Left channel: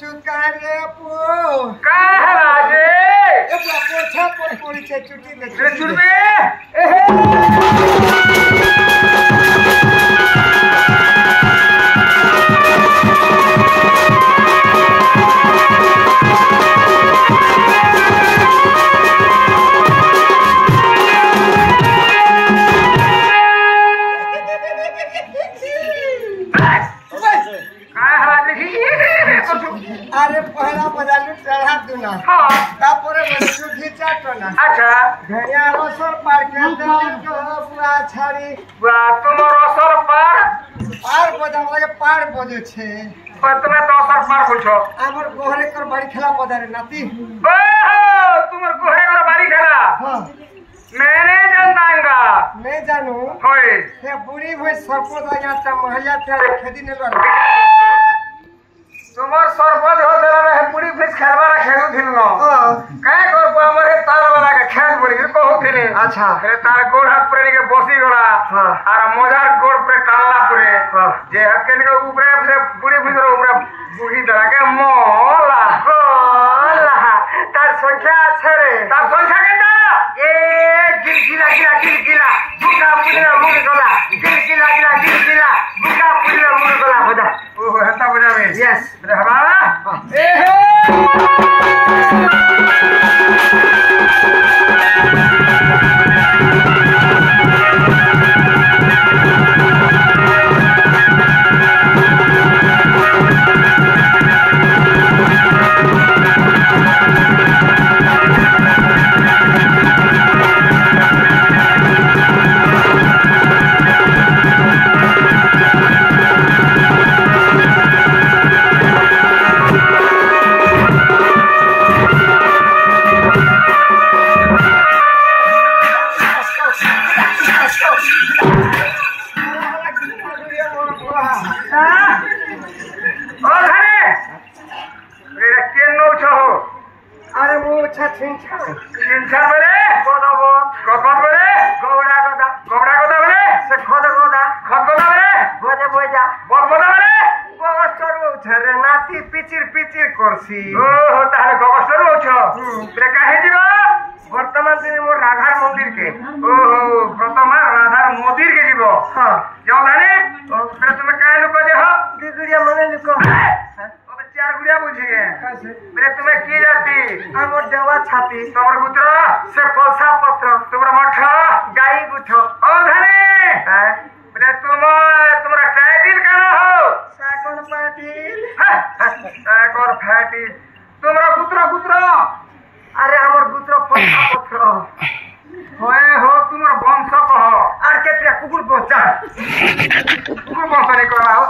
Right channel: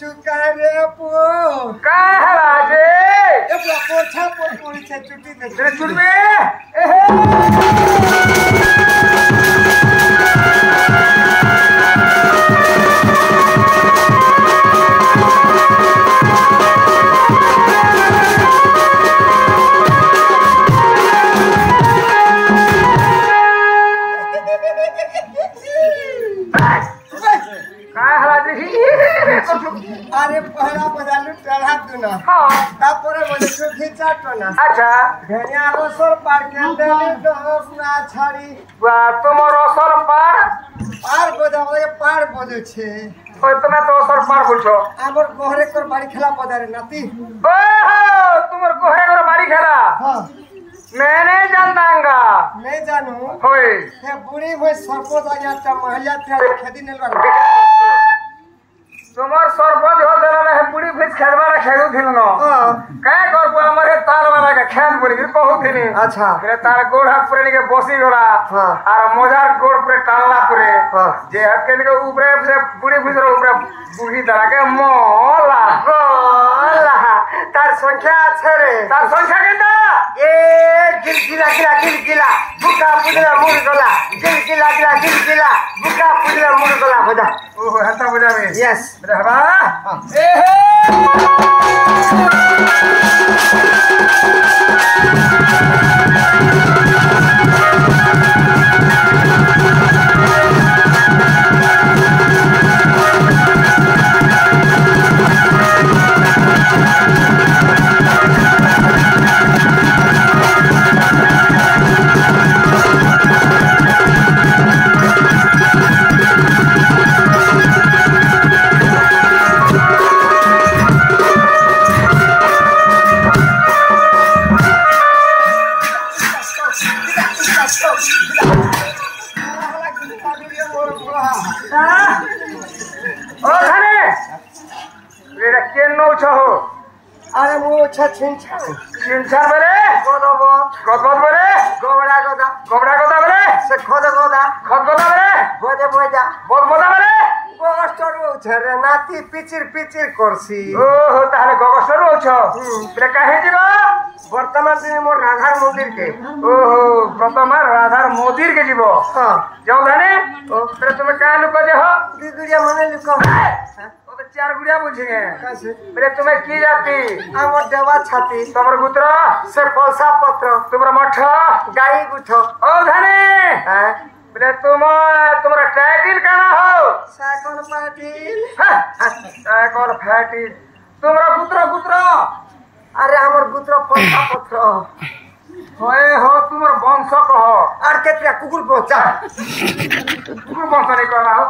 चुका रे पो का हला जे ए पोछा पोड़ी छे चुटी ले रे चुड़बे एहे अरे पहला बजालू चढ़ा दूना हां तापुरे बंदू खींचा टना अच्छा भेड़िया रसर पार के देले दोस ना छाड़ी बा तुमर असर पार पार बजावे पार बजे छे ओए তুমি তো असर पार बोलছো हमर गोहरे कर बाड़ी खेला पदारे नाती ओहो तुमर गोहरे कर बाड़ी खेला हां मैंने जानतांगा मैं जानू होय हे बुढ़ी भई सरपंच आया त महलिया थे खेती ने लड़ তোমার সরপঞ্চ হতে রে বুড়ি ফিস খেলবারা খেলু থিন ন কায় করব আমার হে তার বারা কে খেল বলি কহু থিনি अच्छा রে তার গোড় হাত পরে নিকে বসি গলা আর মজার গোড় পরে টানলা পরে যে হাতে নিকে উপরে সে বুড়ি ফিসর উপরে বুড়ি দাঁড়াকে মলা गोला तार संख्या আছে रे তার সংখ্যা কেনটা ए गिलगिला बुका पुदरा मुड़ गला गिलगिला बुका पुदरा मुड़ गला बदा ओहो हता बुझावे यस रे हवा एहे अरे मु छिंछा छिंछा बरे गदबद बरे गोबड़ा गदा बरे से खद गदा बरे बोजा बद बदा बरे गगस्टर उछरे नाती पिचिर करसी ओहो ताहले गगस्टर उछ बरे काहे दिबा वर्तमान दिन मोर राधार मंदिर के ओहो वर्तमान राधार मंदिर के जीवो हां जाऊ धाने बरे तुमे का लुक जे हो दिगुरिया मने लुक तो चार गुड़िया बुझिए कैसे बरे तुमे की जाती हमर देवा छाती तमर गुत्र से पलसा पत्र तुमरा मठ गाई गुठ ओ धाने हां बरे तुम्हारा टाइटल काना हो साकन पाटिल साकन फाटी तुम्हारा गुत्र अरे हमर गुत्र पलसा पत्र होए हो तुम्हारा वंश कह आर केतरा कुकुर पहुंचा कुकुर वंश नहीं कहना हो